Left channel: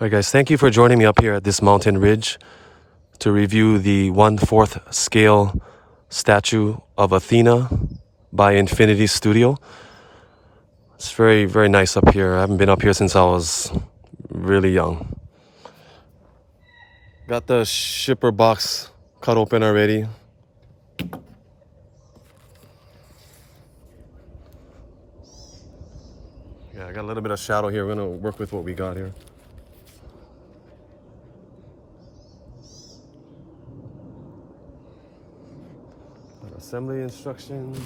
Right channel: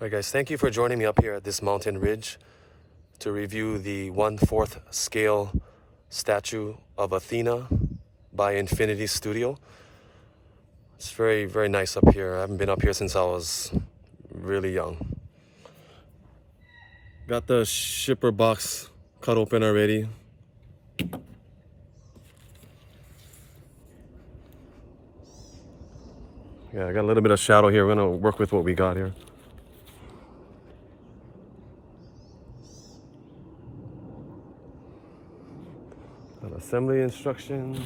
Alright guys, thank you for joining me up here at this mountain ridge to review the 1/4 scale statue of Athena by Infinity Studio. It's very, very nice up here. I haven't been up here since I was really young. Got the shipper box cut open already. Yeah, I got a little bit of shadow here. We're gonna work with what we got here. An assembly instruction.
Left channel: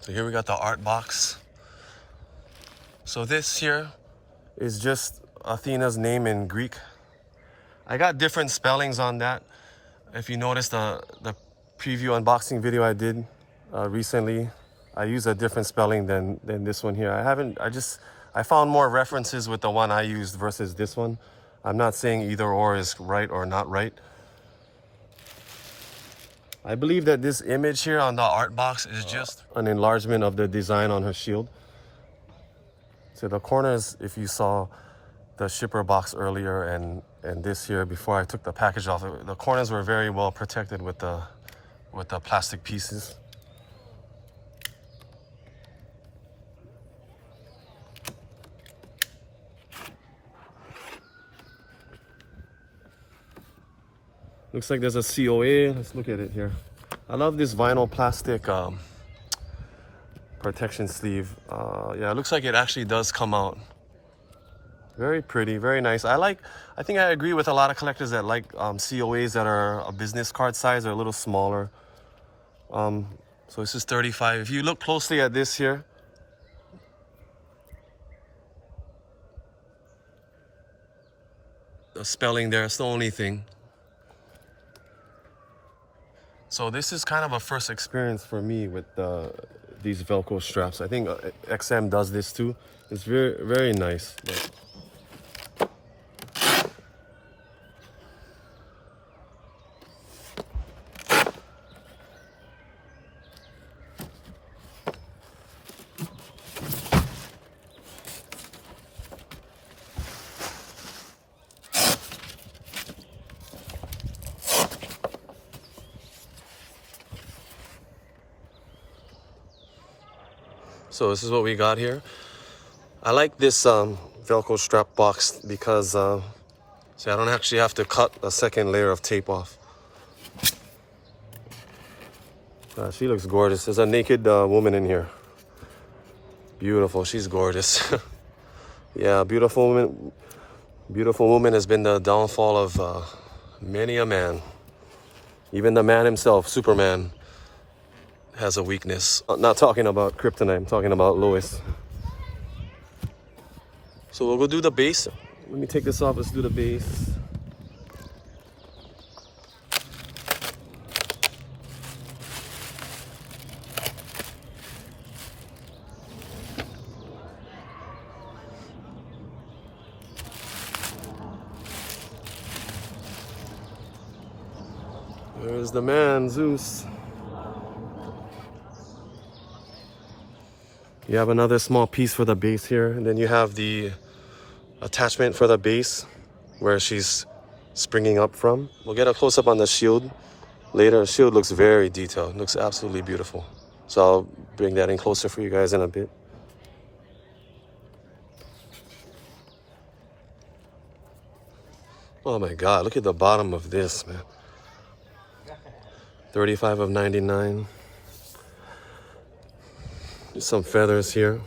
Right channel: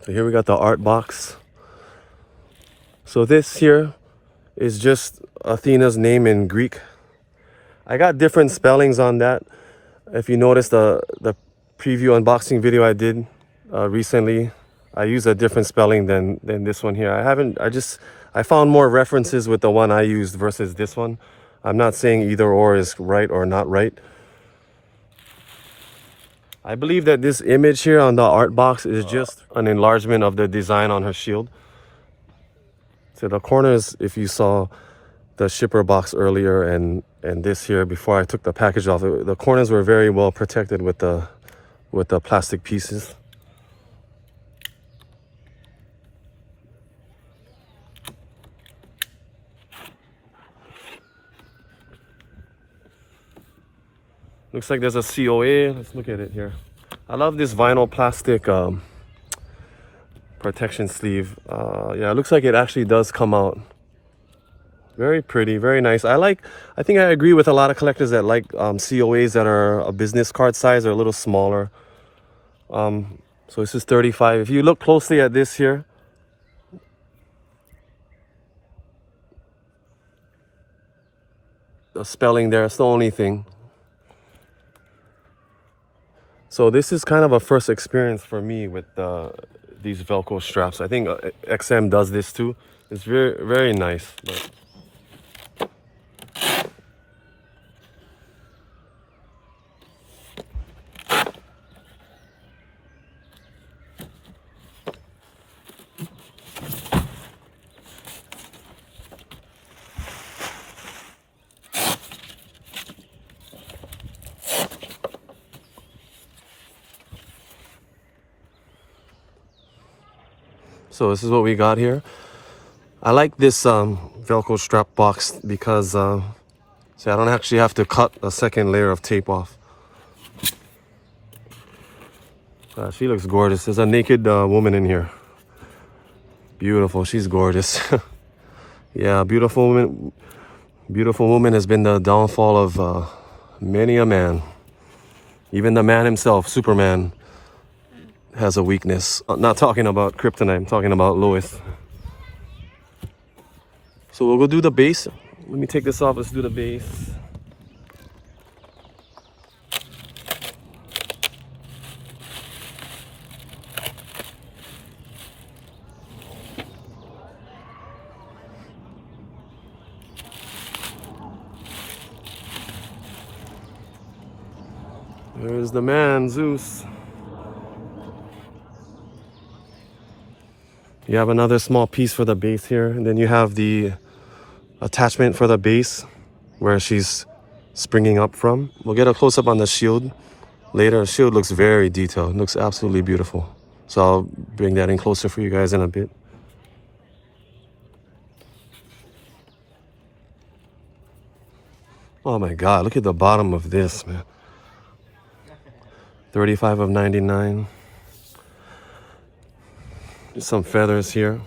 So here we got the art box. So this here is just Athena's name in Greek. I got different spellings on that. If you notice the preview unboxing video I did recently, I used a different spelling than this one here. I found more references with the one I used versus this one. I'm not saying either or is right or not right. I believe that this image here on the art box is just an enlargement of the design on her shield. So the corners, if you saw the shipper box earlier and this here before I took the package off, the corners were very well protected with the plastic pieces. Looks like there's a COA. Let's look at it here. I love this vinyl plastic protection sleeve. Yeah, it looks like it actually does come out. Very pretty, very nice. I think I agree with a lot of collectors that like COAs that are a business card size or a little smaller. So this is 35. If you look closely at this here, the spelling there, it's the only thing. So this is kind of a first experience for me with these Velcro straps. I think XM does this too. It's very, very nice. But so this is what we got here. I like this Velcro strap box because so I don't actually have to cut a second layer of tape off. She looks gorgeous. There's a naked woman in here. Beautiful. She's gorgeous. Yeah, beautiful woman. Beautiful woman has been the downfall of many a man. Even the man himself, Superman, has a weakness. I'm not talking about kryptonite, I'm talking about Lois. So we'll go do the base. Let me take this off, let's do the base. There's the man, Zeus. You have another small piece for the base here, and then you have the attachment for the base where she's springing up from. We'll get a close-up on the shield later. The shield looks very detailed. It looks absolutely beautiful. So I'll bring that in closer for you guys in a bit. Oh my God, look at the bottom of this, man. 35 of 99. Some feathers here.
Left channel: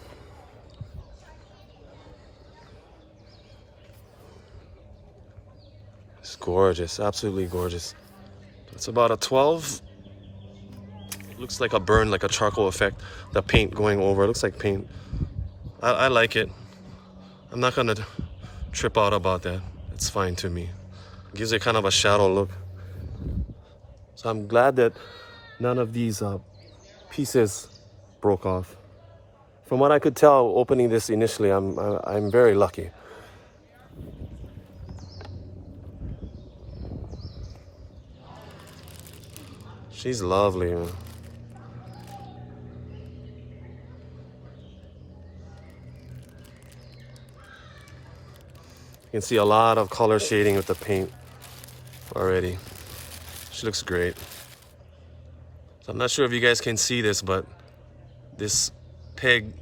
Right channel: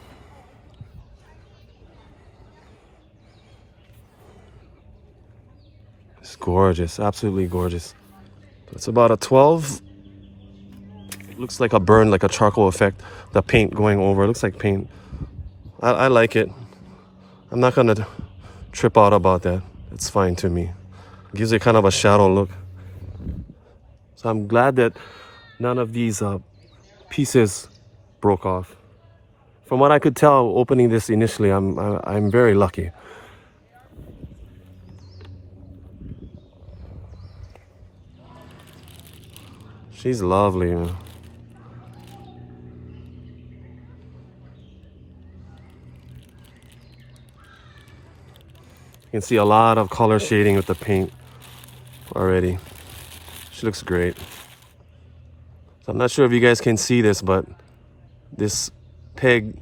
It's gorgeous, absolutely gorgeous. It's about a 12. It looks like a burn, like a charcoal effect. The paint going over, it looks like paint. I like it. I'm not gonna trip out about that. It's fine to me. It gives it kind of a shadow look. So I'm glad that none of these pieces broke off. From what I could tell opening this initially, I'm very lucky. She's lovely, man. can see a lot of color shading with the paint already. She looks great. So I'm not sure if you guys can see this, but this peg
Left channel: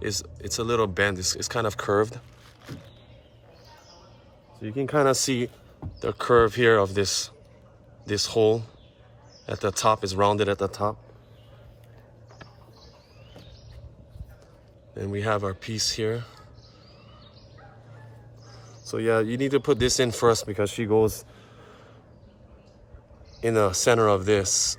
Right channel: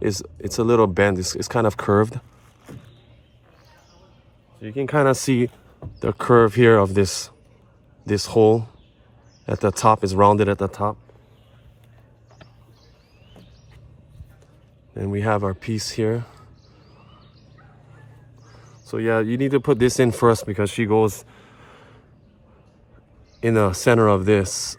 it's a little bent. It's kind of curved. So you can kind of see the curve here of this hole at the top is rounded at the top. And we have our piece here. So yeah, you need to put this in first because she goes in the center of this.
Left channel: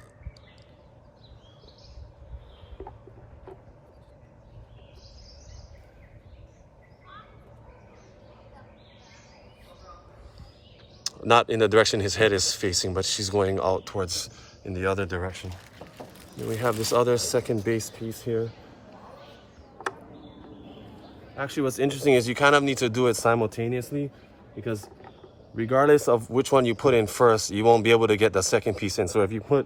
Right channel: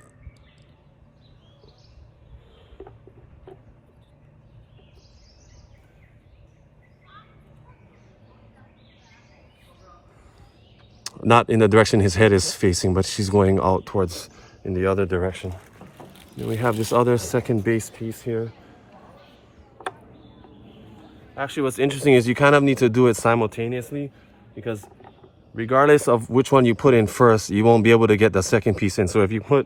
Not in the direction his head is facing, but she's going out towards in the other direction. And we have this other second base piece here. Actually, what's interesting is you kind of need to do it simultaneously, because regardless of which one you put in first, you won't be able to get the second piece in. So if you put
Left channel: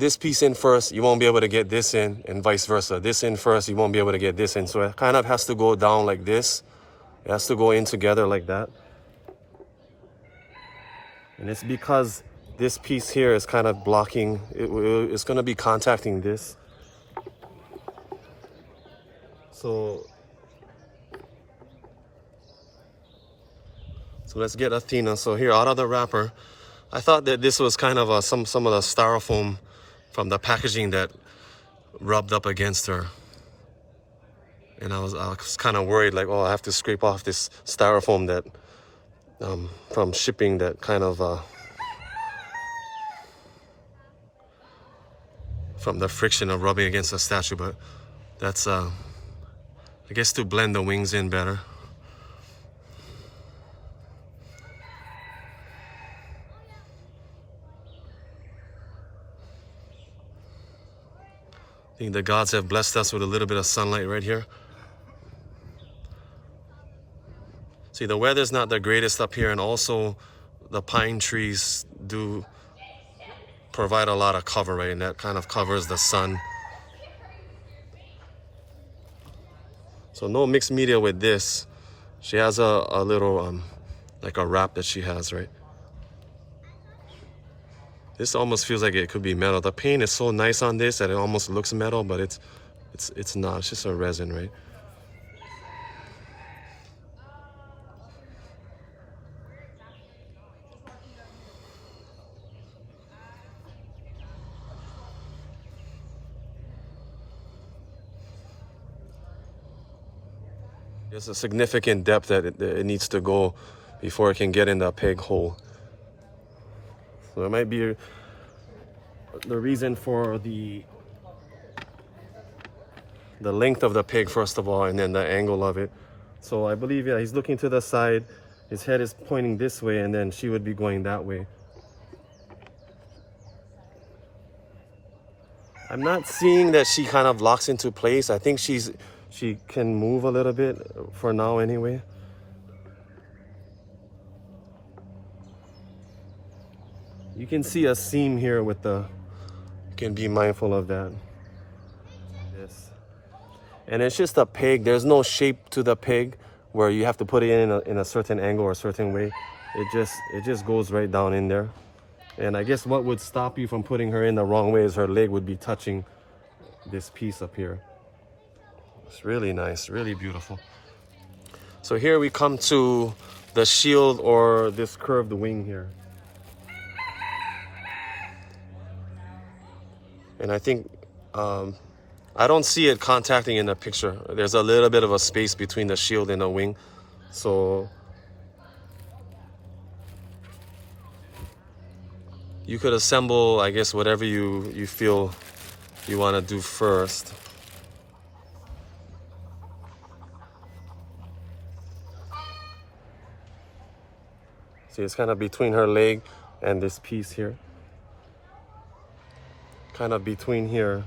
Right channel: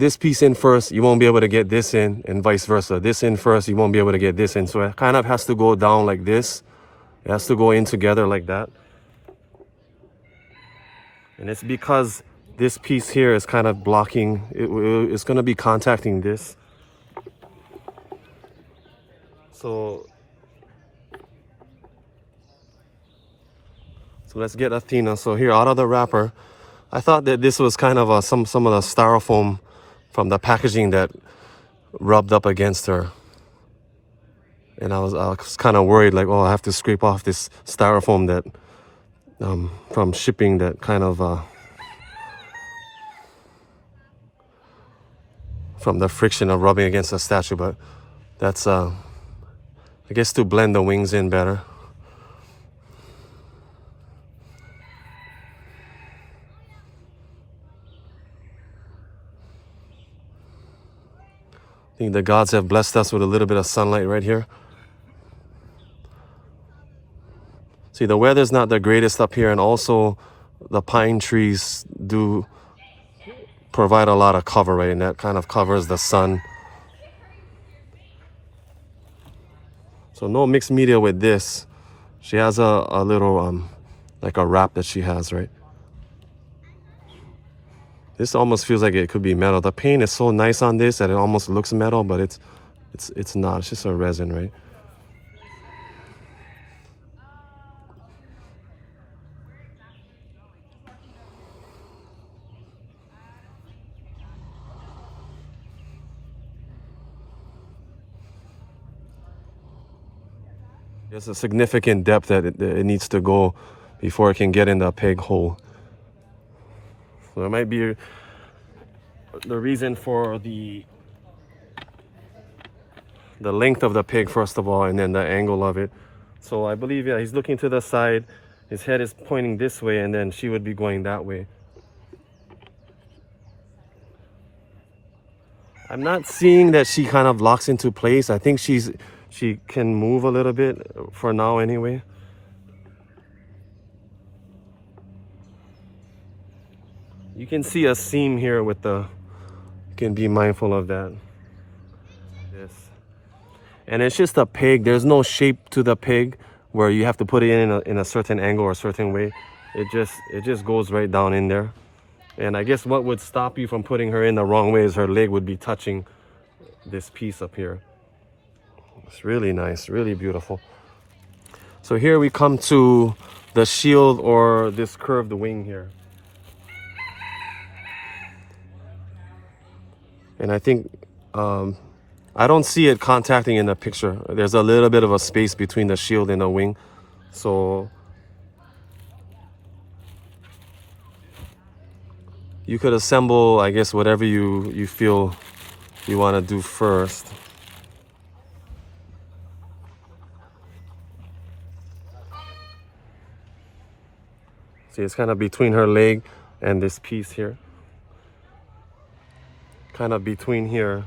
this piece in first, you won't be able to get this in, and vice versa. This in first, you won't be able to get this in. So it kind of has to go down like this. It has to go in together like that. And it's because this piece here is kind of blocking, it's going to be contacting this. So let's get Athena. So here, out of the wrapper, I thought that this was kind of some of the styrofoam from the packaging that rubbed up against her. And I was kind of worried, like, oh, I have to scrape off this styrofoam that from shipping, that kind of from the friction of rubbing against the statue. But that's I guess to blend the wings in better. I think the gods have blessed us with a little bit of sunlight right here. See, the weather's not the greatest up here, and also the pine trees do provide a lot of cover, right? And that kind of covers the sun. So no mixed media with this. She has a little, like a wrap that she has, right? This almost feels like it could be metal. The paint is so nice on this that it almost looks metal, but it's not. It's just a resin, right? There's a significant depth that it needs to go before it can get in the peg hole. So it might be the reason for the length of the pig, first of all, and then the angle of it. So I believe, yeah, he's looking to the side. His head is pointing this way, and then she would be going that way. I'm not seeing that she kind of locks into place. I think she can move a little bit for now anyway. You can see a seam here with the, you can be mindful of that. This. And it's just a peg. There's no shape to the peg where you have to put it in a certain angle or a certain way. It just goes right down in there. And I guess what would stop you from putting her in the wrong way is her leg would be touching this piece up here. It's really nice, really beautiful. So here we come to the shield, or this curved wing here. And I think, I don't see it contacting in the picture. There's a little bit of a space between the shield and the wing. So you could assemble, I guess, whatever you feel you want to do first. See, it's kind of between her leg and this piece here. Kind of between here,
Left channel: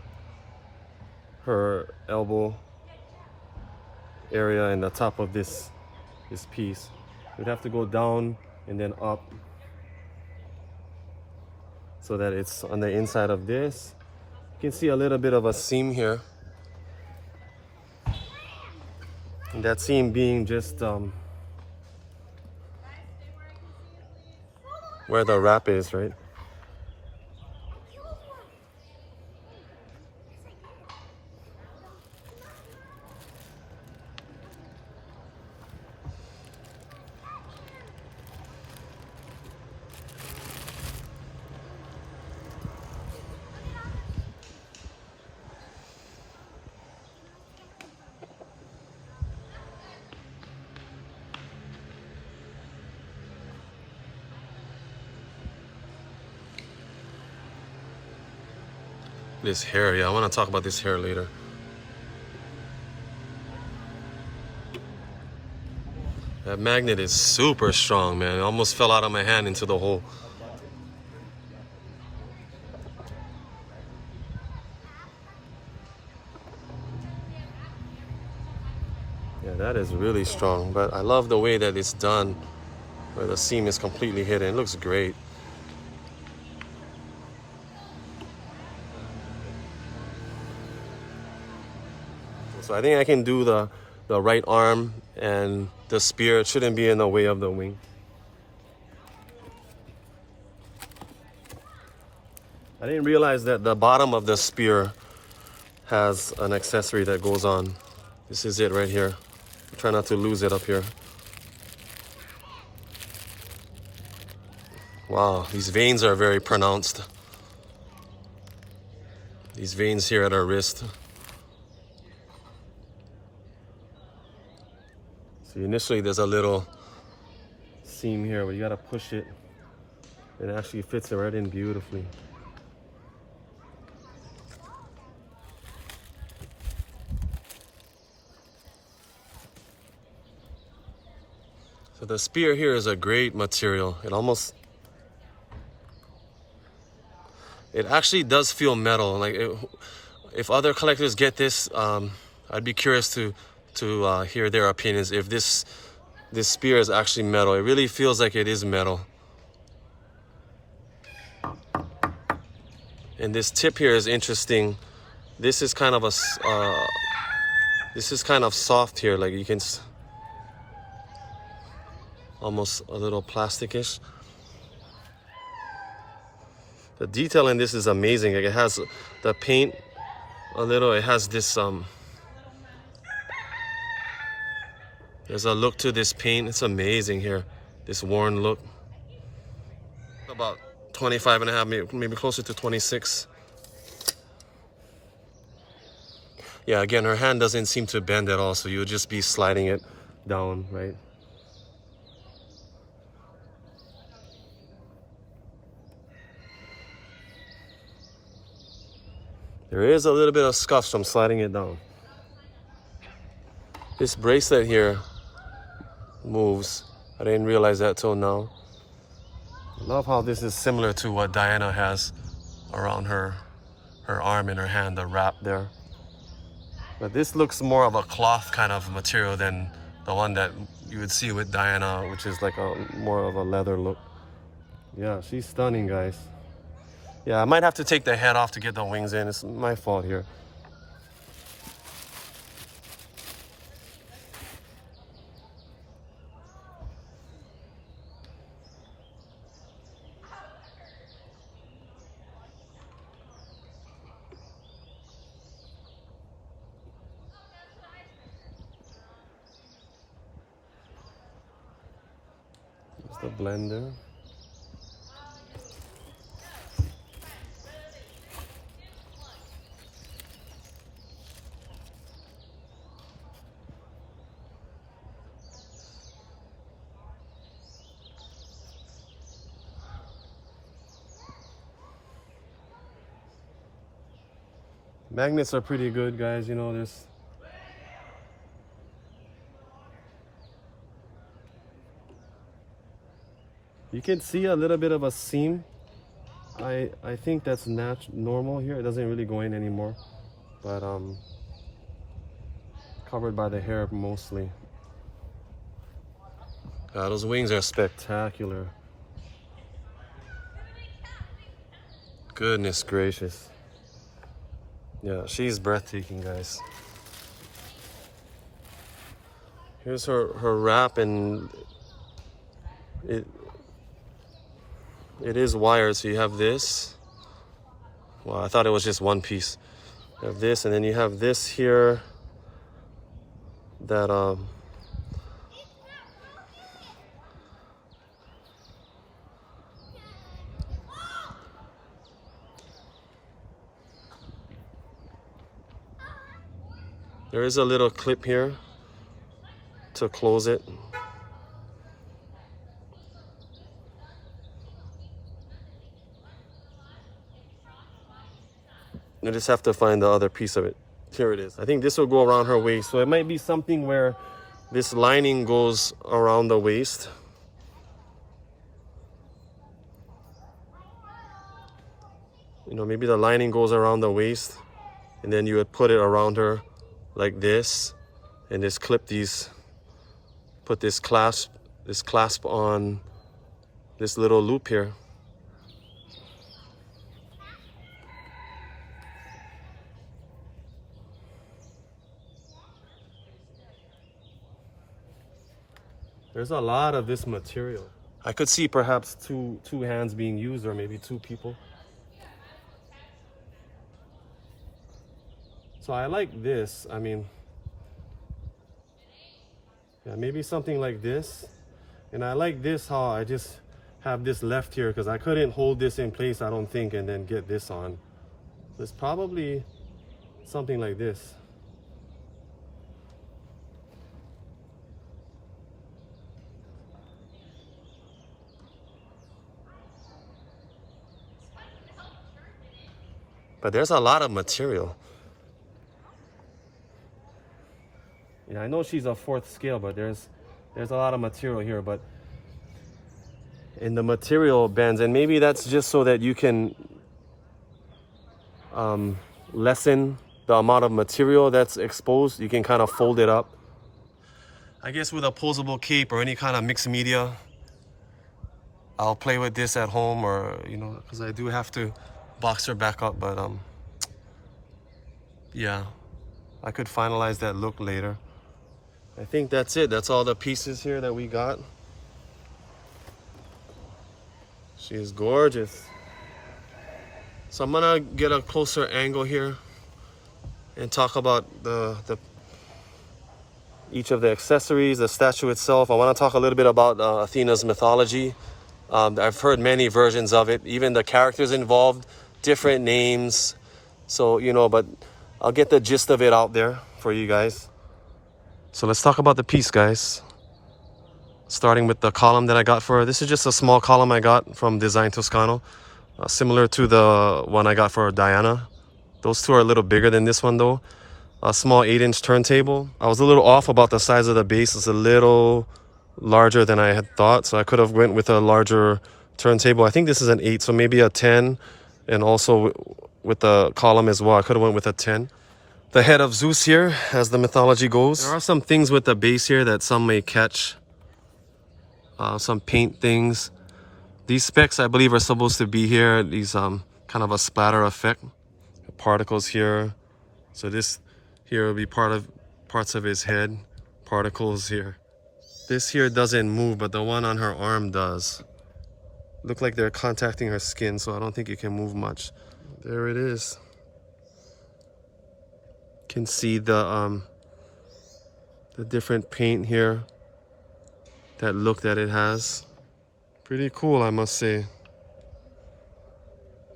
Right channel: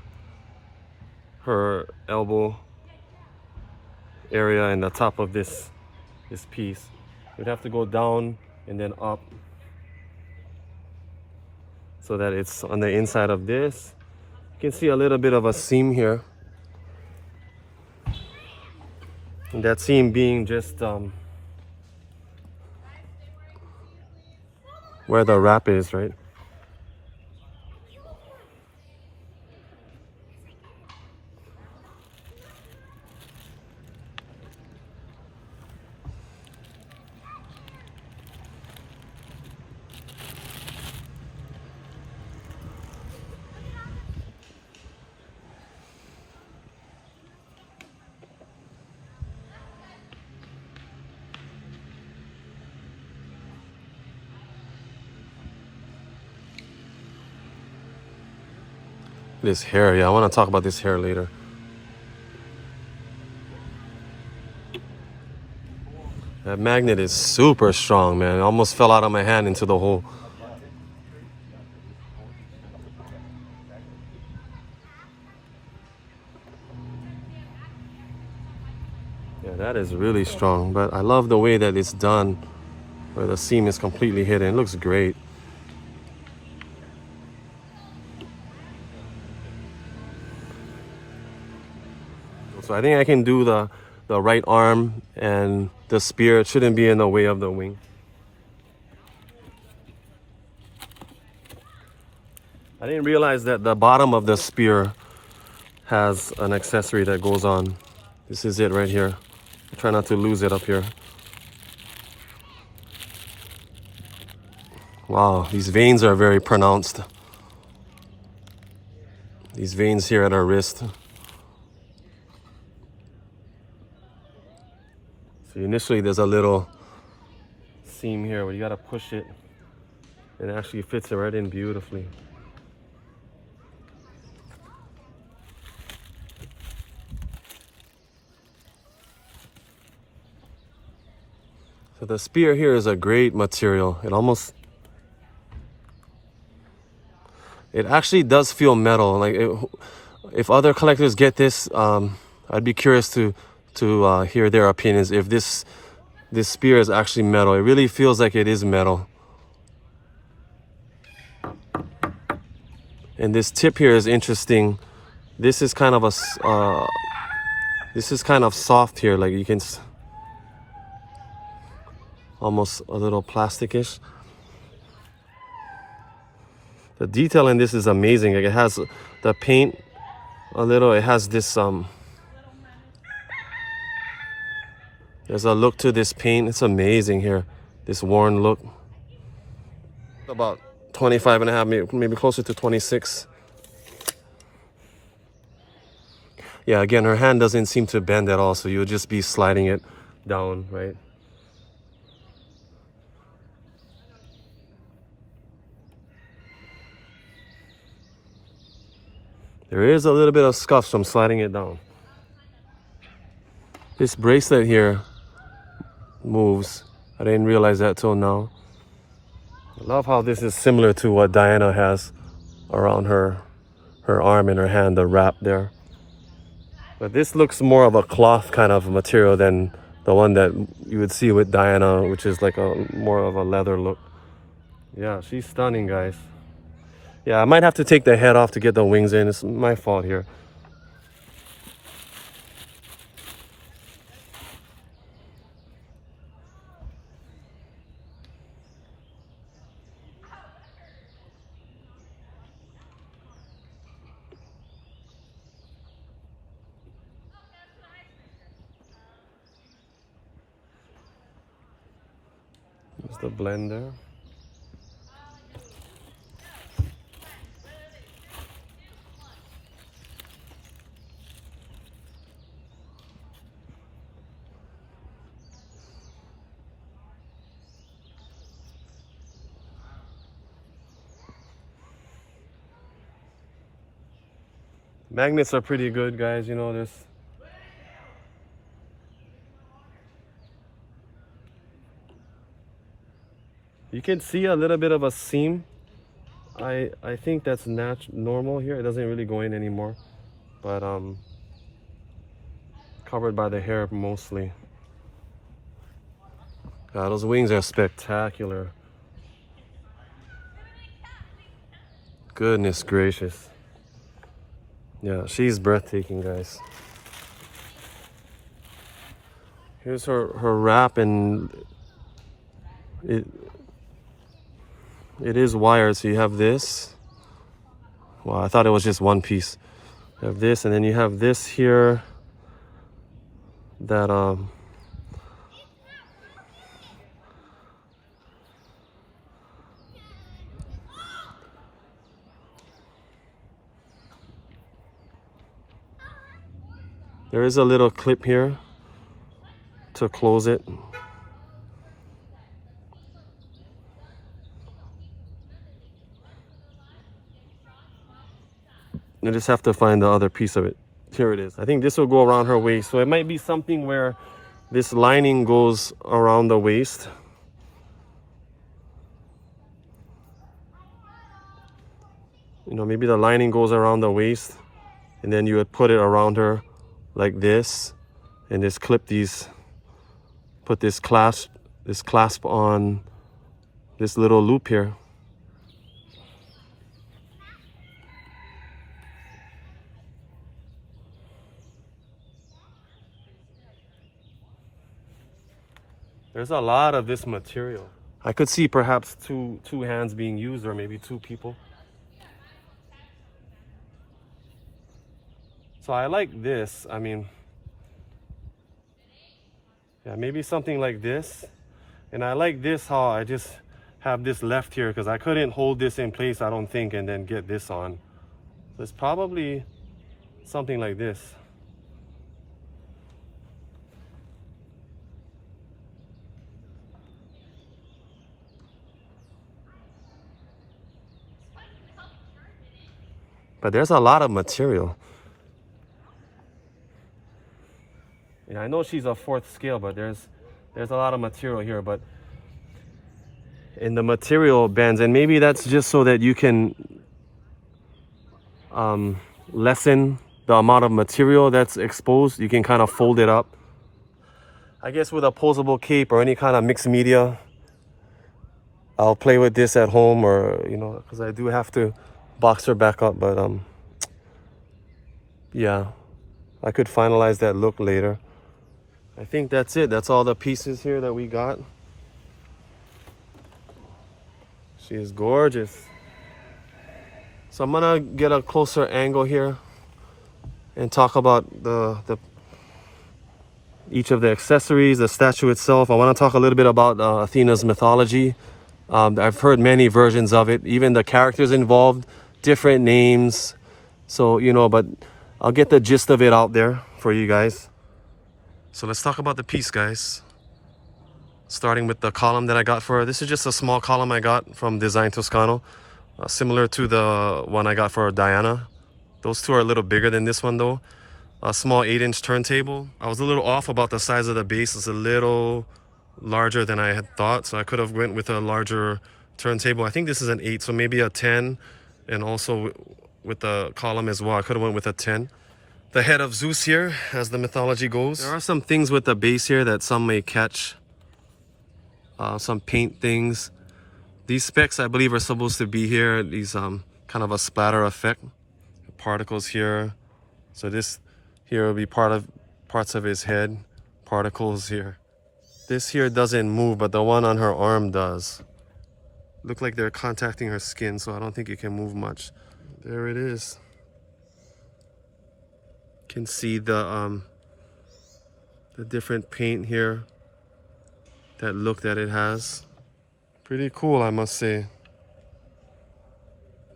her elbow area and the top of this piece. We'd have to go down and then up so that it's on the inside of this. You can see a little bit of a seam here. And that seam being just where the wrap is, right? This hair, yeah, I want to talk about this hair later. That magnet is super strong, man. It almost fell out of my hand into the hole. Yeah, that is really strong, but I love the way that it's done, where the seam is completely hidden. It looks great. So I think I can do the right arm, and the spear shouldn't be in the way of the wing. I didn't realize that the bottom of the spear has an accessory that goes on. This is it right here. Try not to lose it up here. Wow, these veins are very pronounced. These veins here at our wrist. So initially there's a little seam here where you gotta push it, and it actually fits it right in beautifully. So the spear here is a great material. It actually does feel metal. Like if other collectors get this, I'd be curious to hear their opinions. If this spear is actually metal, it really feels like it is metal. And this tip here is interesting. This is kind of soft here. Like you can almost a little plasticish. The detail in this is amazing. Like it has the paint a little. It has this there's a look to this paint. It's amazing here. This worn look. About 25.5, maybe closer to 26. Yeah, again, her hand doesn't seem to bend at all, so you'll just be sliding it down, right? There is a little bit of scuffs from sliding it down. This bracelet here moves. I didn't realize that till now. I love how this is similar to what Diana has around her arm and her hand, the wrap there. But this looks more of a cloth kind of material than the one that you would see with Diana, which is like more of a leather look. Yeah, she's stunning, guys. Yeah, I might have to take the head off to get the wings in. It's my fault here. Use the blender. Magnets are pretty good, guys. You know this. You can see a little bit of a seam. I think that's normal here. It doesn't really go in anymore, but covered by the hair mostly. God, those wings are spectacular. Goodness gracious. Yeah, she's breathtaking, guys. Here's her wrap, and it is wired. So you have this. Wow, I thought it was just one piece. You have this, and then you have this here that there is a little clip here to close it. You just have to find the other piece of it. Here it is. I think this will go around her waist. So it might be something where this lining goes around the waist. You know, maybe the lining goes around the waist, and then you would put it around her like this, and just clip these, put this clasp on this little loop here. There's a lot of this material. I could see perhaps two hands being used, or maybe two people. So I like this. I mean, yeah, maybe something like this. And I like this, how I just have this left here, because I couldn't hold this in place, I don't think, and then get this on. There's probably something like this. But there's a lot of material. Yeah, I know she's a 4th scale, but there's a lot of material here. But in the material bands, and maybe that's just so that you can lessen the amount of material that's exposed. You can kind of fold it up. I guess with a posable cape or any kind of mixed media, I'll play with this at home, or, you know, because I do have to box her back up. But yeah, I could finalize that look later. I think that's it. That's all the pieces here that we got. She's gorgeous. So I'm gonna get a closer angle here and talk about each of the accessories, the statue itself. I want to talk a little bit about Athena's mythology. I've heard many versions of it, even the characters involved, different names. So, you know, but I'll get the gist of it out there for you guys. So let's talk about the piece, guys. Starting with the column that I got for her. This is just a small column I got from Design Toscano, similar to the one I got for Diana. Those two are a little bigger than this one though. A small 8-inch turntable. I was a little off about the size of the base. It's a little larger than I had thought, so I could have went with a larger turntable. I think this is an 8, so maybe a 10, and also with the column as well, I could have went with a 10. The head of Zeus here, as the mythology goes. There are some things with the base here that some may catch. Some paint things. These specks, I believe, are supposed to be here. These kind of a splatter effect. Particles here. So this here will be parts of his head. Particles here. This here doesn't move, but the one on her arm does. Look like they're contacting her skin, so I don't think it can move much. There it is. Can see the different paint here, that look that it has. Pretty cool, I must say.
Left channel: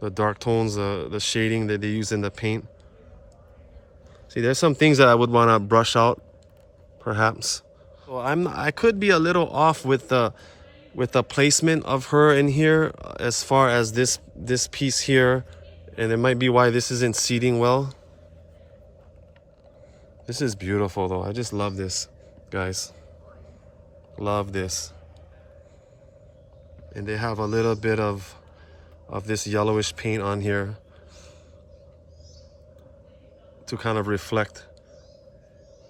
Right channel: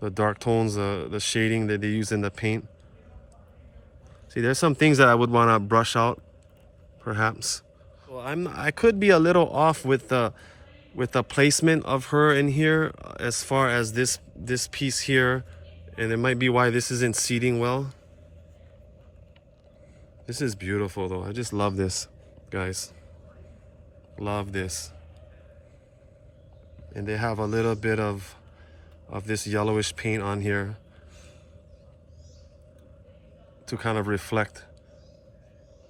The dark tones, the shading that they use in the paint. See, there's some things that I would want to brush out, perhaps. Well, I could be a little off with the placement of her in here, as far as this piece here, and it might be why this isn't seating well. This is beautiful though. I just love this, guys. Love this. And they have a little bit of this yellowish paint on here to kind of reflect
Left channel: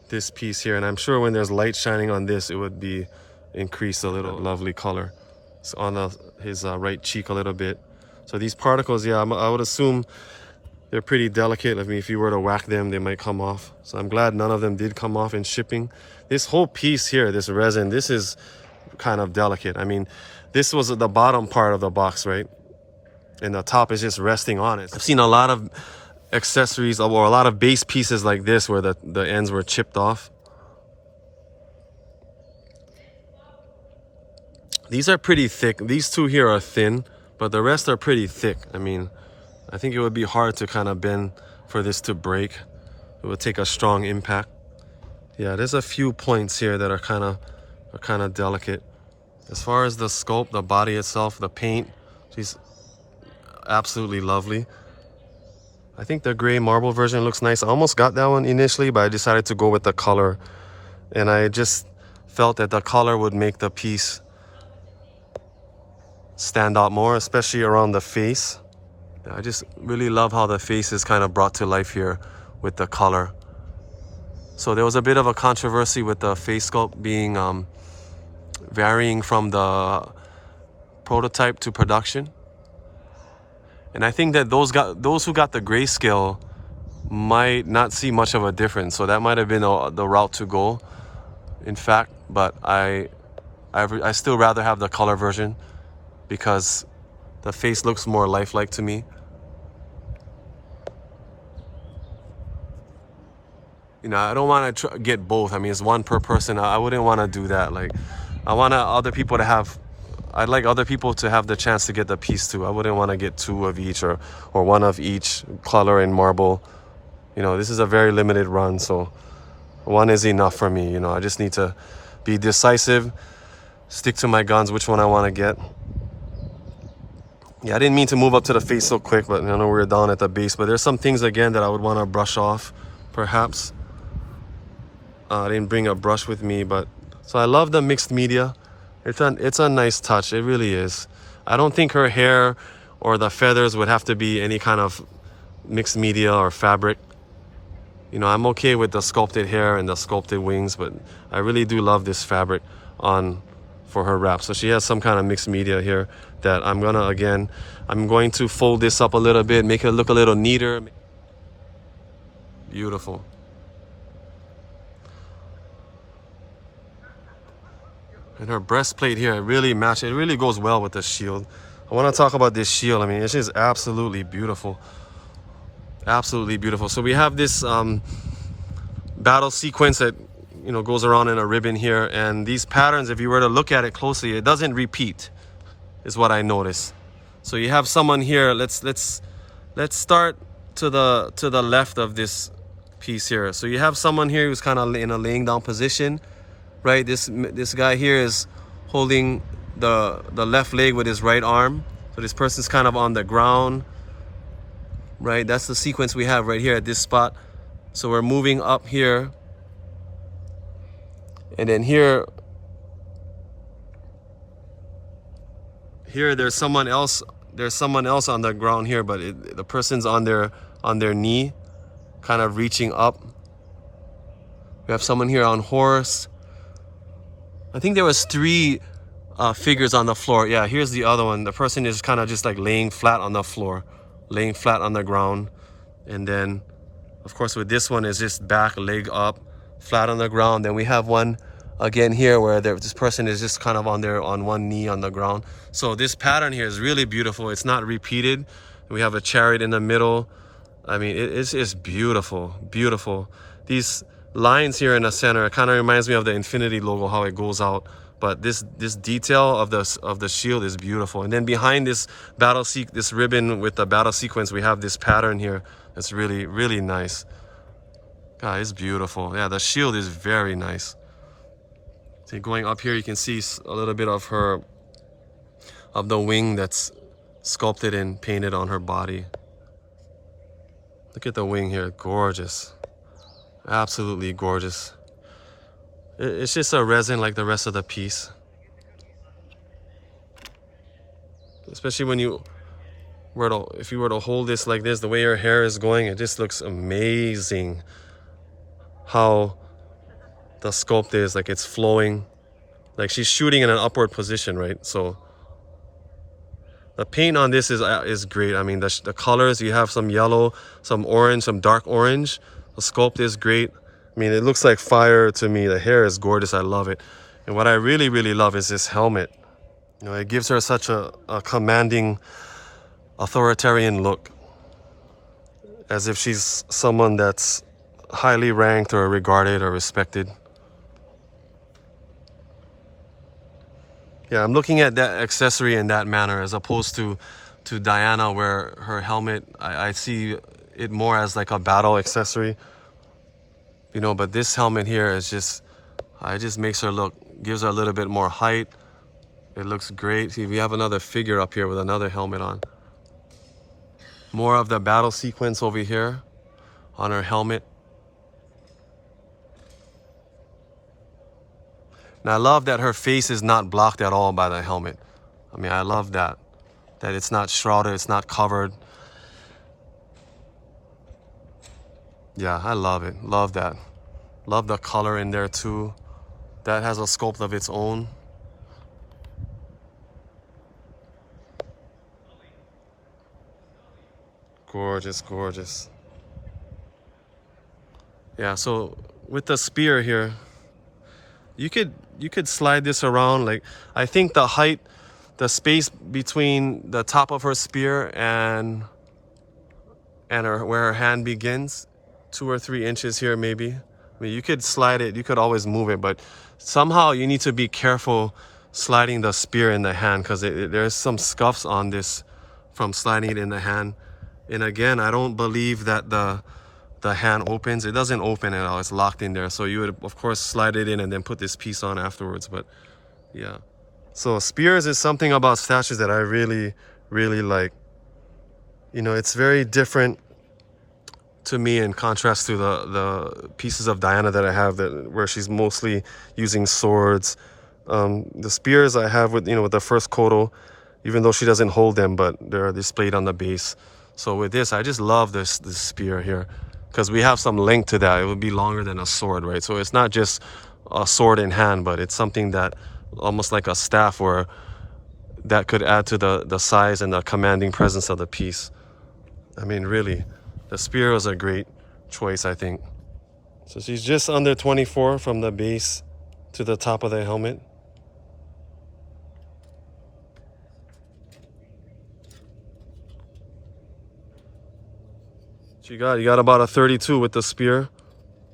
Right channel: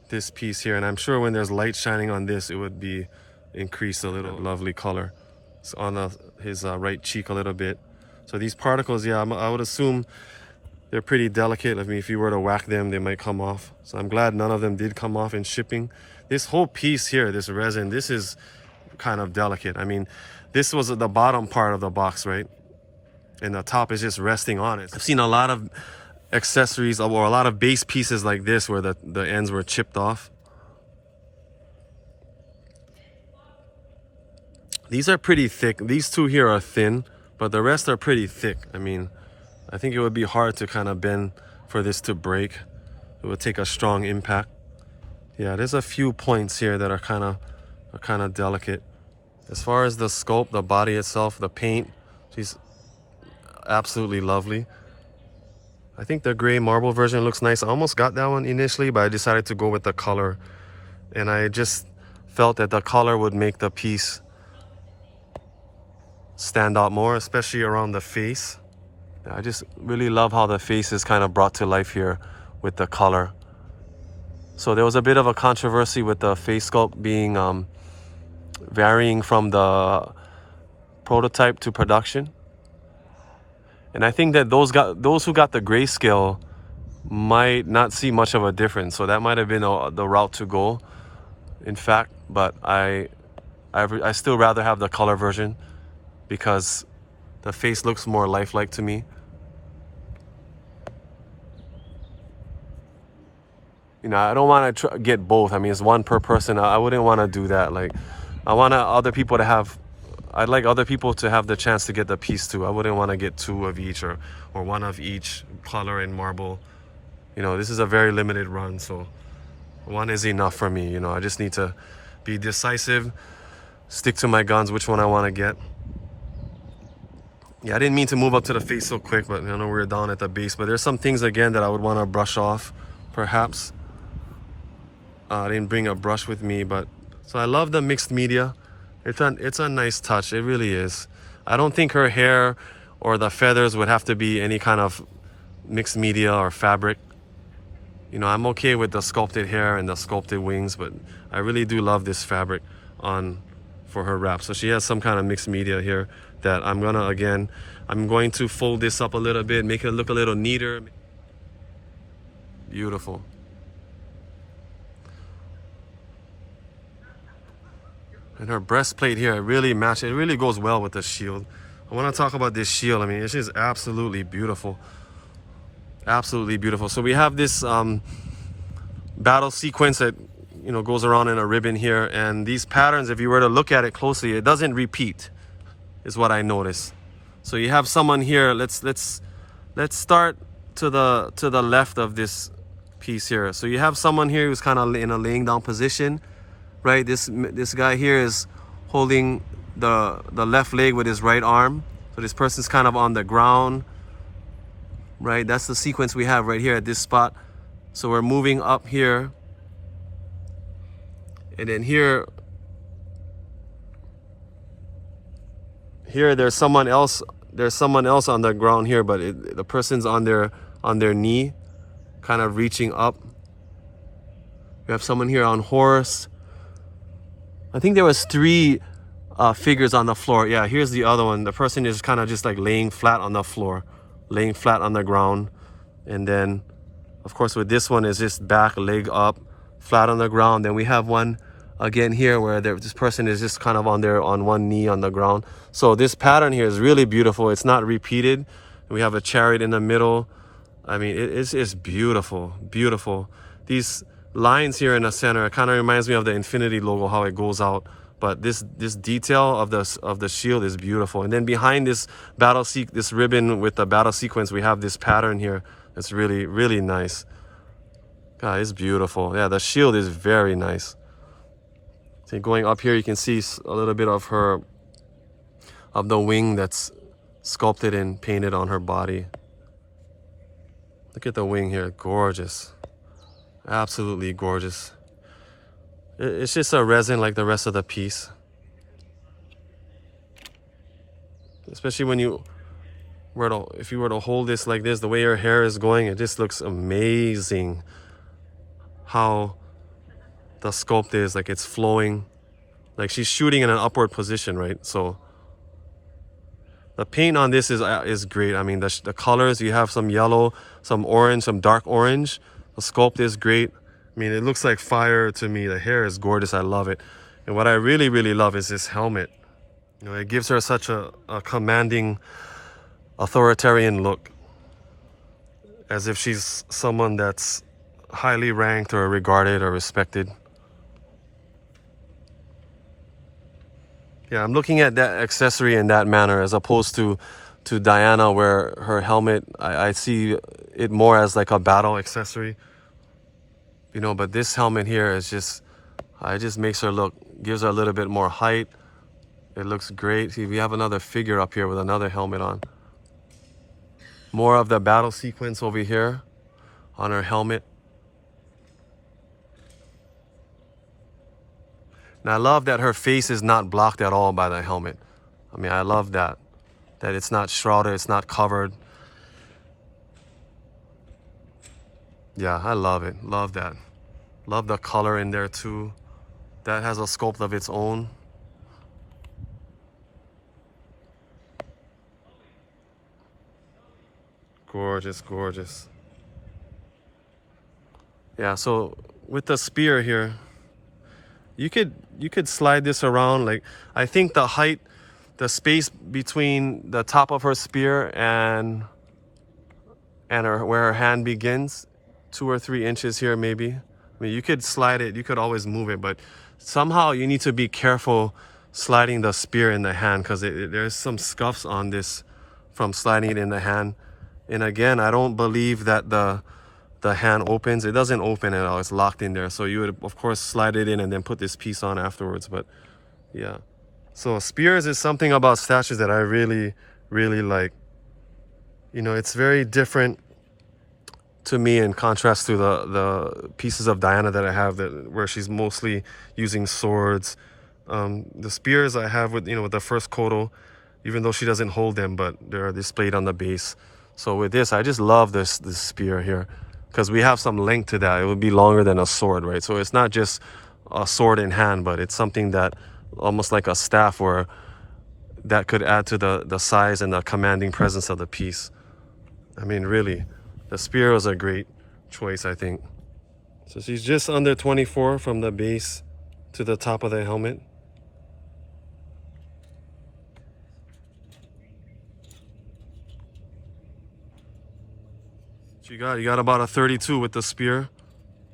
this piece here. And I'm sure when there's light shining on this, it would be increased a little. Lovely color. It's on his right cheek a little bit. So these particles, yeah, I would assume they're pretty delicate. I mean, if you were to whack them, they might come off. So I'm glad none of them did come off in shipping. This whole piece here, this resin, this is kind of delicate. I mean, this was the bottom part of the box, right? And the top is just resting on it. I've seen a lot of accessories or a lot of base pieces like this where the ends were chipped off. These are pretty thick. These two here are thin, but the rest are pretty thick. I mean, I think it would be hard to kind of bend for this to break. It would take a strong impact. Yeah, there's a few points here that are kind of delicate. As far as the sculpt, the body itself, the paint, she's absolutely lovely. I think the gray marble version looks nice. I almost got that one initially, but I decided to go with the color. And I just felt that the color would make the piece stand out more, especially around the face. I just really love how the face is kind of brought to life here with the color. So there was a bit of a controversy with the face sculpt being varying from the prototype to production. And I think that those who got the grayscale might not see much of a difference. So that might have been the route to go, in fact. But I still rather have the color version because the face looks more lifelike to me. You know, I don't want to get both. I mean, it's one per person. I wouldn't want to do that. Like, I want other people to have, I'd like other people to have the chance to get the piece too. I wouldn't want to get two of each or one of each color and marble. You know, this is a very limited run, so one is enough for me. You know, I just need to be decisive, stick to my guns, which one I want to get. Yeah, I didn't mean to move up to the face so quick, but I know we're down at the base. But there's some things, again, that I would want to brush off, perhaps. I didn't bring a brush with me, but... So I love the mixed media. It's a nice touch. It really is. I don't think her hair or the feathers would have to be any kind of mixed media or fabric. You know, I'm okay with the sculpted hair and the sculpted wings, but I really do love this fabric on for her wrap. So she has some kind of mixed media here that I'm going to fold this up a little bit, make it look a little neater. Beautiful. And her breastplate here, it really matches. It really goes well with the shield. I want to talk about this shield. I mean, it's just absolutely beautiful. Absolutely beautiful. So we have this battle sequence that, you know, goes around in a ribbon here. And these patterns, if you were to look at it closely, it doesn't repeat, is what I noticed. So you have someone here. Let's start to the left of this piece here. So you have someone here who's kind of in a laying down position. Right, this guy here is holding the left leg with his right arm. So this person's kind of on the ground. Right, that's the sequence we have right here at this spot. So we're moving up here. And then here there's someone else on the ground here, but the person's on their knee, kind of reaching up. We have someone here on horse. I think there was 3 figures on the floor. Yeah, here's the other one. The person is kind of just like laying flat on the floor, laying flat on the ground. And then, of course, with this one is just back, leg up, flat on the ground. Then we have one again here where this person is just kind of on one knee on the ground. So this pattern here is really beautiful. It's not repeated. We have a chariot in the middle. I mean, it's beautiful, beautiful. These lines here in the center, it kind of reminds me of the infinity logo, how it goes out. But this detail of the shield is beautiful. And then behind this this ribbon with the battle sequence, we have this pattern here. It's really, really nice. God, it's beautiful. Yeah, the shield is very nice. So going up here, you can see a little bit of the wing that's sculpted and painted on her body. Look at the wing here, gorgeous. Absolutely gorgeous. It's just a resin like the rest of the piece. Especially when if you were to hold this like this, the way her hair is going, it just looks amazing. How the sculpt is, like it's flowing. Like she's shooting in an upward position, right? So the paint on this is great. I mean, the colors, you have some yellow, some orange, some dark orange. The sculpt is great. I mean, it looks like fire to me. The hair is gorgeous. I love it. And what I really, really love is this helmet. You know, it gives her such a commanding, authoritarian look, as if she's someone that's highly ranked or regarded or respected. Yeah, I'm looking at that accessory in that manner as opposed to Diana, where her helmet, I see it more as like a battle accessory. You know, but this helmet here is just, it just makes her look, gives her a little bit more height. It looks great. See, we have another figure up here with another helmet on. More of the battle sequence over here on her helmet. And I love that her face is not blocked at all by the helmet. I mean, I love that. That it's not shrouded, it's not covered. Yeah, I love it. Love that. Love the color in there too. That has a sculpt of its own. Gorgeous, gorgeous. Yeah, so with the spear here, you could slide this around. Like, I think the height, the space between the top of her spear and where her hand begins, 2 or 3 inches here maybe. I mean, you could slide it, you could always move it, but somehow you need to be careful sliding the spear in the hand, because there's some scuffs on this from sliding it in the hand. And again, I don't believe that the hand opens. It doesn't open at all. It's locked in there. So you would, of course, slide it in and then put this piece on afterwards. But yeah. So spears is something about statues that I really, really like. You know, it's very different to me in contrast to the pieces of Diana that I have, where she's mostly using swords. The spears I have with, with the first 𝘗𝘏𝘏, even though she doesn't hold them, but they're displayed on the base. So with this, I just love this spear here, because we have some length to that. It would be longer than a sword, right? So it's not just a sword in hand, but it's something that almost like a staff, where that could add to the size and the commanding presence of the piece. I mean, really, the spear was a great choice, I think. So she's just under 24 from the base to the top of the helmet. You got about a 32 with the spear.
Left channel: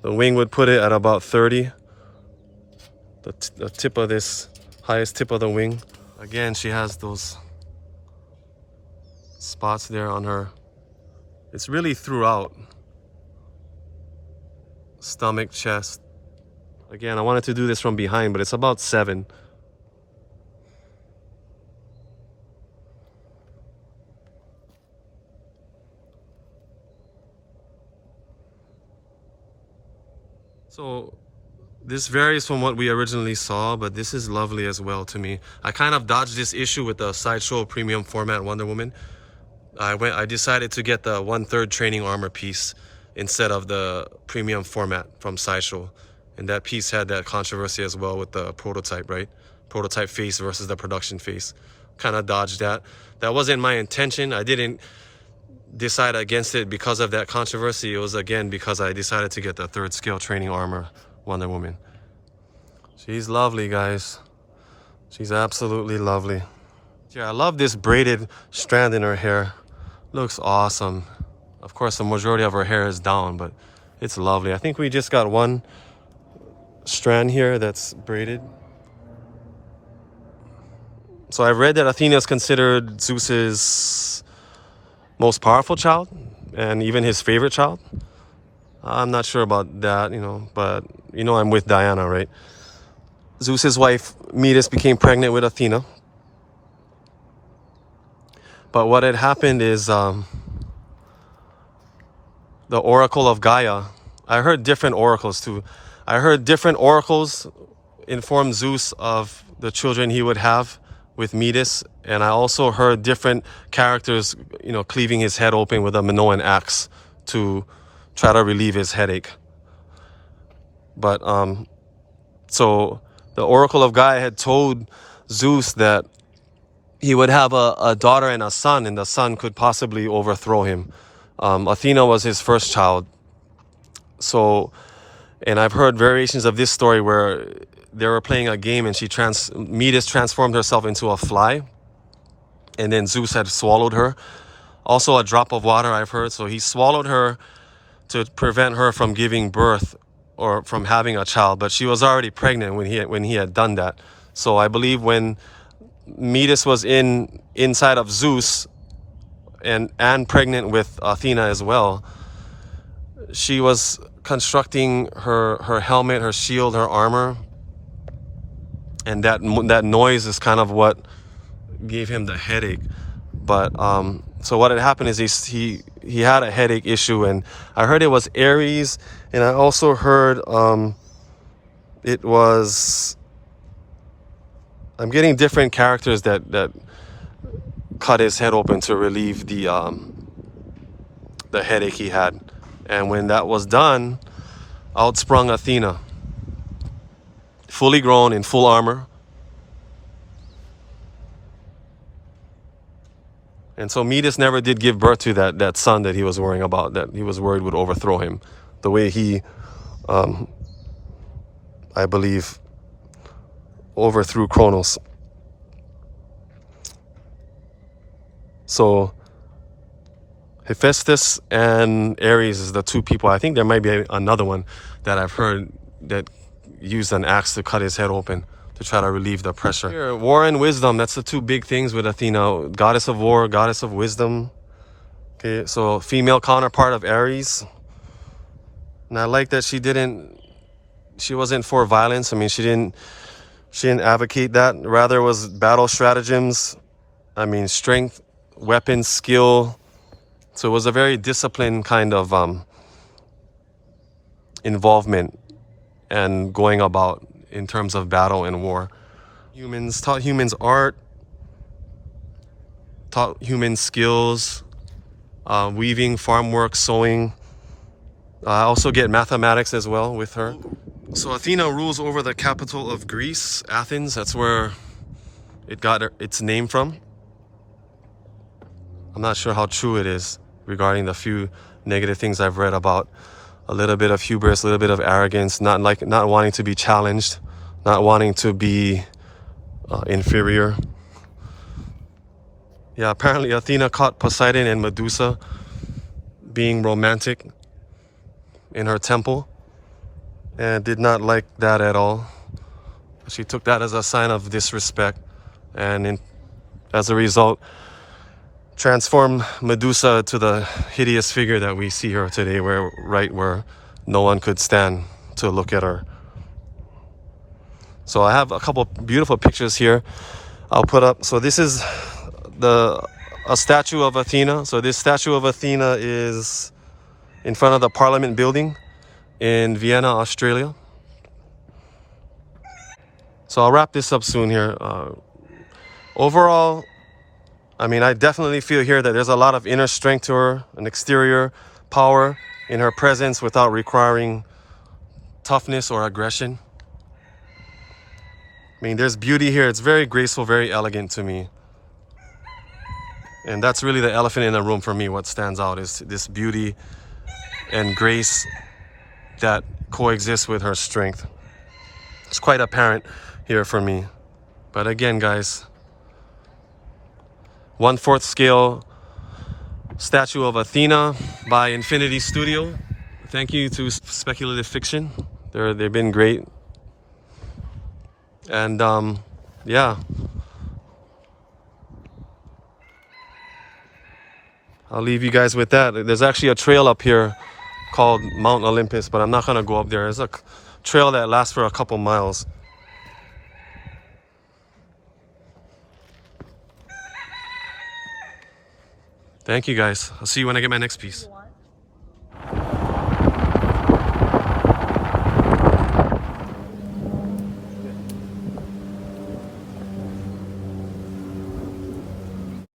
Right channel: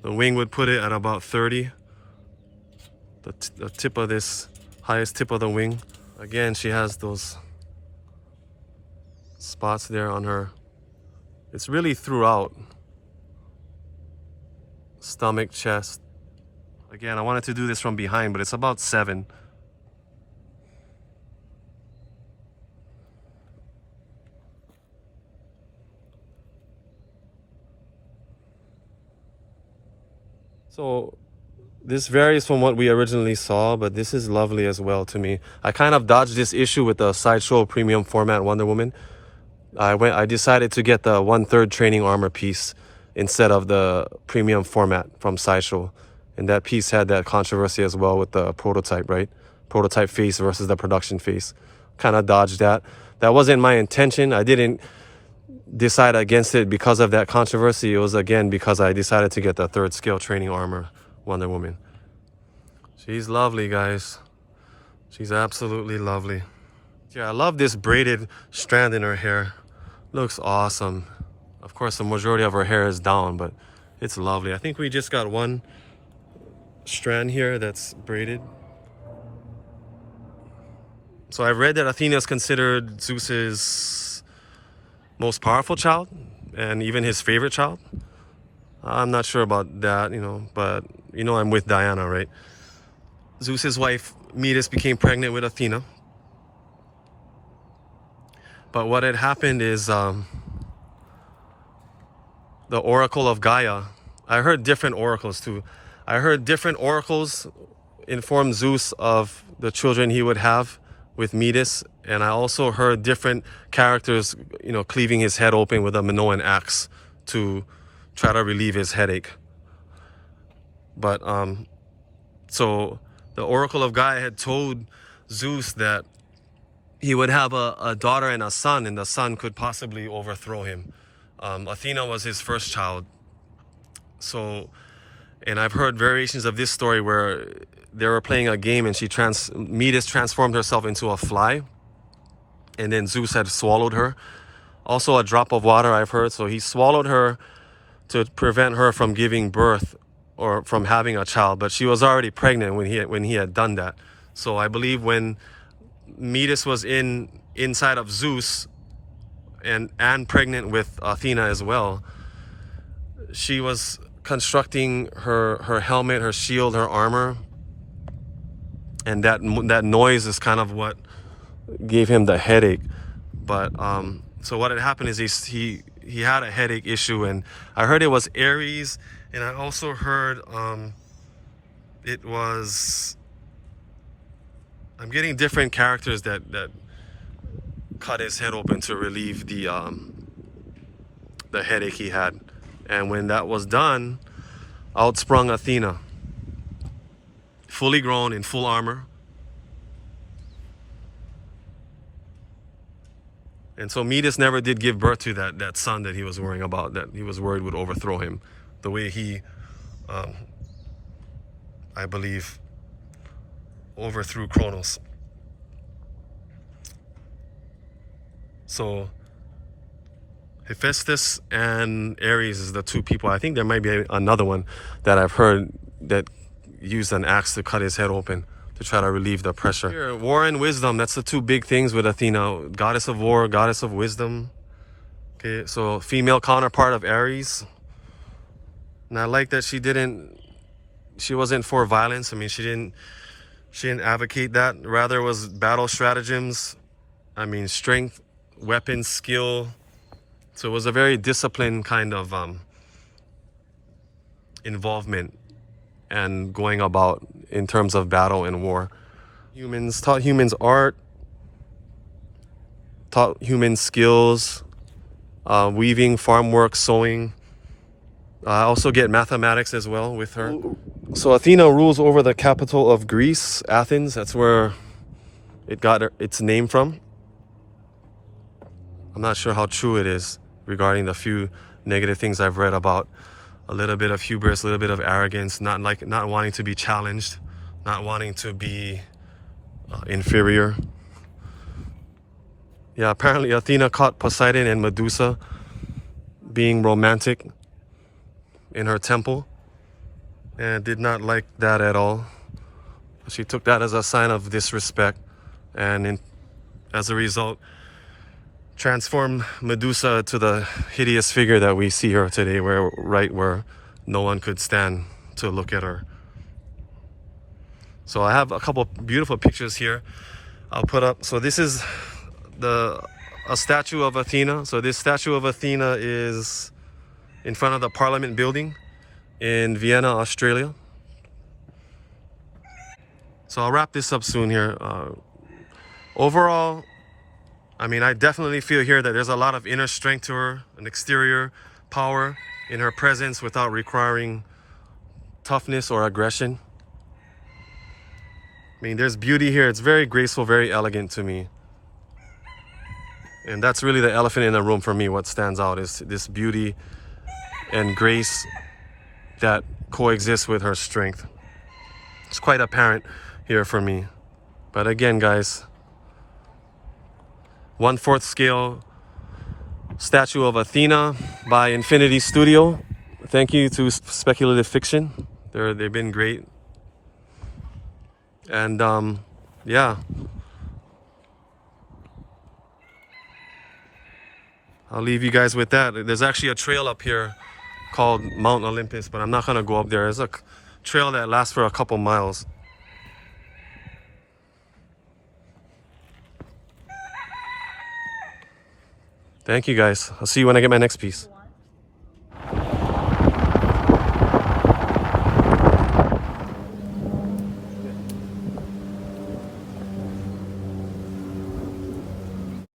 The wing would put it at about 30. The tip of this, highest tip of the wing. Again, she has those spots there on her. It's really throughout. Stomach, chest. Again, I wanted to do this from behind, but it's about 7. So this varies from what we originally saw, but this is lovely as well to me. I kind of dodged this issue with the Sideshow premium format Wonder Woman. I decided to get the 1/3 training armor piece instead of the premium format from Sideshow. And that piece had that controversy as well with the prototype, right? Prototype face versus the production face. Kind of dodged that. That wasn't my intention. I didn't decide against it because of that controversy. It was, again, because I decided to get the 3rd scale training armor Wonder Woman. She's lovely, guys. She's absolutely lovely. Yeah, I love this braided strand in her hair. Looks awesome. Of course, the majority of her hair is down, but it's lovely. I think we just got one strand here that's braided. So I've read that Athena is considered Zeus's most powerful child, and even his favorite child. I'm not sure about that, but I'm with Diana, right? Zeus's wife Metis became pregnant with Athena. But what had happened is the oracle of Gaia. I heard different oracles too. I heard different oracles inform Zeus of the children he would have with Metis, and I also heard different characters, cleaving his head open with a Minoan axe to try to relieve his headache. But so the Oracle of Gaia had told Zeus that he would have a daughter and a son, and the son could possibly overthrow him. Athena was his first child. So And I've heard variations of this story where they were playing a game and Metis transformed herself into a fly, and then Zeus had swallowed her. Also a drop of water, I've heard. So he swallowed her to prevent her from giving birth or from having a child, but she was already pregnant when he had done that. So I believe when Metis was inside of Zeus and pregnant with Athena as well, she was constructing her helmet, her shield, her armor, and that noise is kind of what gave him the headache. But so what had happened is he had a headache issue, and I heard it was Ares, and I also heard it was, I'm getting different characters that cut his head open to relieve the headache he had. And when that was done, out sprung Athena, fully grown in full armor. And so Metis never did give birth to that son that he was worrying about, that he was worried would overthrow him, the way he, I believe, overthrew Kronos. So Hephaestus and Ares is the two people. I think there might be another one that I've heard that used an axe to cut his head open to try to relieve the pressure. Here, war and wisdom, that's the two big things with Athena. Goddess of war, goddess of wisdom. Okay, so female counterpart of Ares. And I like that she wasn't for violence. I mean, she didn't advocate that. Rather, it was battle stratagems. I mean, strength, weapons, skill. So it was a very disciplined kind of involvement and going about in terms of battle and war. Taught humans art, taught humans skills, weaving, farm work, sewing. I also get mathematics as well with her. So Athena rules over the capital of Greece, Athens. That's where it got its name from. I'm not sure how true it is regarding the few negative things I've read about. A little bit of hubris, a little bit of arrogance, not wanting to be challenged, not wanting to be inferior. Yeah, apparently Athena caught Poseidon and Medusa being romantic in her temple and did not like that at all. She took that as a sign of disrespect, and as a result, transformed Medusa to the hideous figure that we see her today, where no one could stand to look at her. So I have a couple beautiful pictures here I'll put up. So this is a statue of Athena. So this statue of Athena is in front of the Parliament building in Vienna, Austria. So I'll wrap this up soon here. Overall, I mean, I definitely feel here that there's a lot of inner strength to her, an exterior power in her presence without requiring toughness or aggression. I mean, there's beauty here. It's very graceful, very elegant to me. And that's really the elephant in the room for me. What stands out is this beauty and grace that coexists with her strength. It's quite apparent here for me. But again, guys, 1/4 scale statue of Athena by Infinity Studio. Thank you to Speculative Fiction. They've been great. And yeah, I'll leave you guys with that. There's actually a trail up here called Mount Olympus, but I'm not gonna go up there. There's a trail that lasts for a couple miles. Thank you guys. I'll see you when I get my next piece.